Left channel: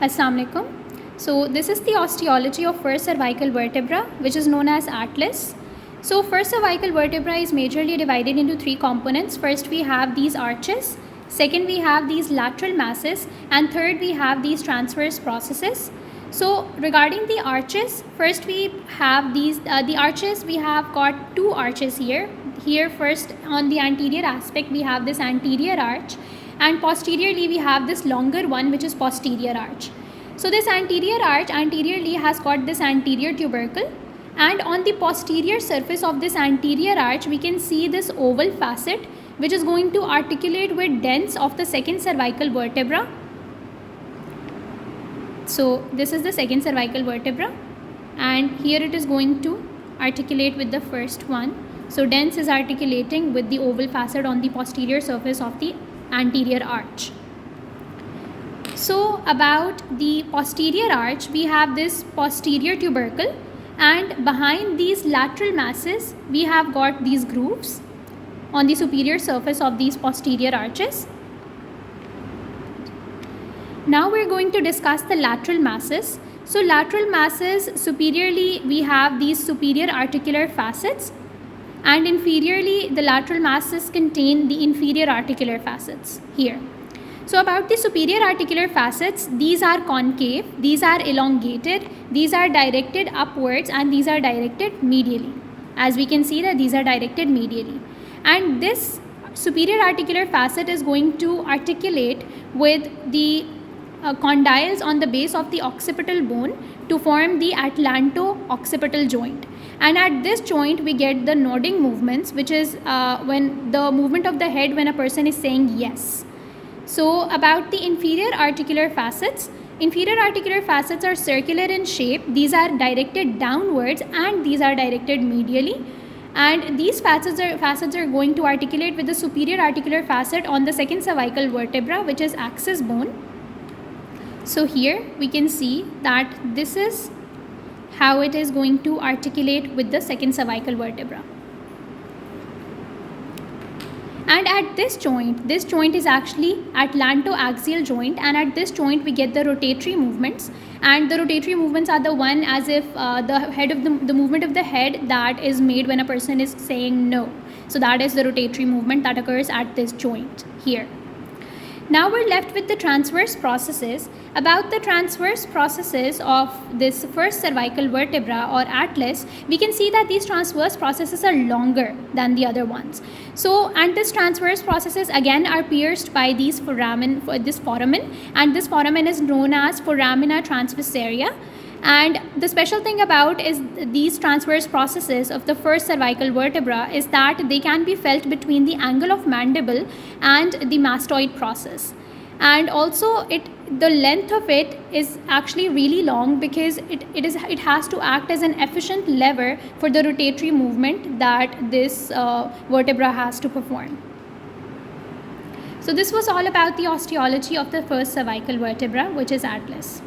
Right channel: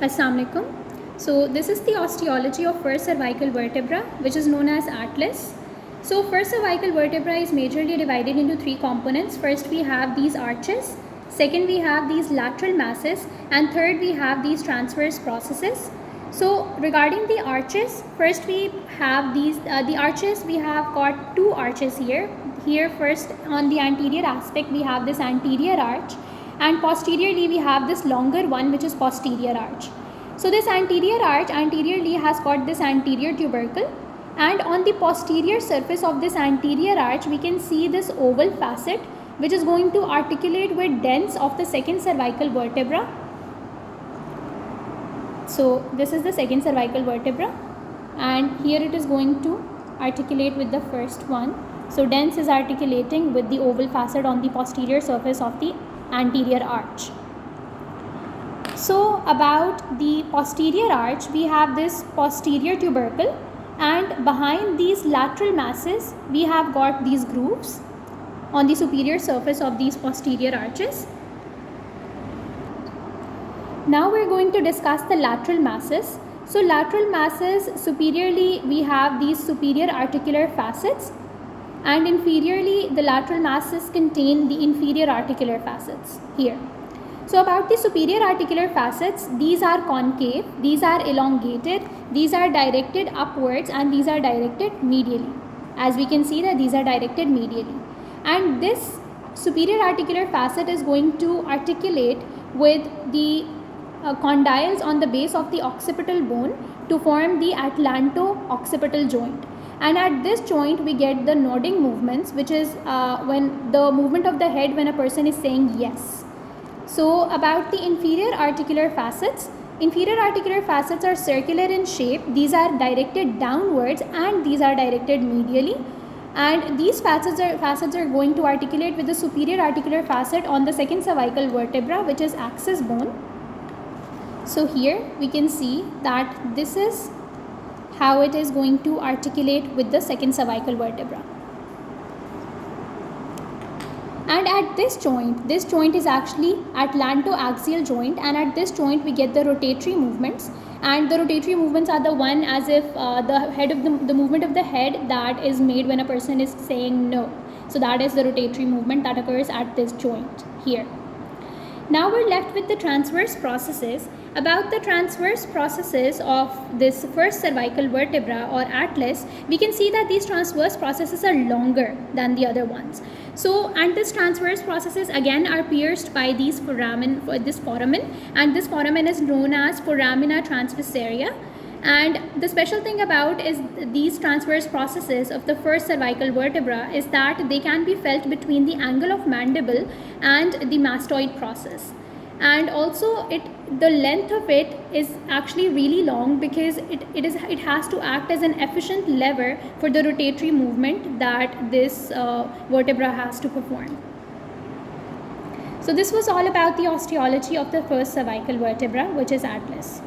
Assalamu alaikum. So this is the osteology of first cervical vertebra, which is known as atlas. So first cervical vertebra is majorly divided into three components. First we have these arches, second we have these lateral masses, and third we have these transverse processes. So regarding the arches, first we have these the arches. We have got two arches here. Here first on the anterior aspect we have this anterior arch, and posteriorly we have this longer one, which is posterior arch. So this anterior arch anteriorly has got this anterior tubercle, and on the posterior surface of this anterior arch we can see this oval facet, which is going to articulate with dens of the second cervical vertebra. So this is the second cervical vertebra, and here it is going to articulate with the first one. So dens is articulating with the oval facet on the posterior surface of the anterior arch. So about the posterior arch, we have this posterior tubercle, and behind these lateral masses we have got these grooves on the superior surface of these posterior arches. Now we're going to discuss the lateral masses. So lateral masses, superiorly we have these superior articular facets, and inferiorly the lateral masses contain the inferior articular facets here. So about the superior articular facets, these are concave, these are elongated, these are directed upwards, and these are directed medially. As we can see that these are directed medially. And this superior articular facet is going to articulate with the condyles on the base of the occipital bone to form the atlanto-occipital joint. And at this joint we get the nodding movements, which is when the movement of the head when a person is saying yes. So about the inferior articular facets are circular in shape. These are directed downwards and these are directed medially, and these facets are going to articulate with the superior articular facet on the second cervical vertebra, which is axis bone. So here we can see that this is how it is going to articulate with the second cervical vertebra. And at this joint is actually atlantoaxial joint, and at this joint we get the rotatory movements, and the rotatory movements are the one as if the movement of the head that is made when a person is saying no. So that is the rotatory movement that occurs at this joint here. Now we're left with the transverse processes. About the transverse processes of this first cervical vertebra or atlas, we can see that these transverse processes are longer than the other ones. So, and this transverse processes again are pierced by this foramen, and this foramen is known as foramina transversaria. And the special thing about is these transverse processes of the first cervical vertebra is that they can be felt between the angle of mandible and the mastoid process. And also the length of it is actually really long, because it has to act as an efficient lever for the rotatory movement that this vertebra has to perform. So this was all about the osteology of the first cervical vertebra, which is atlas.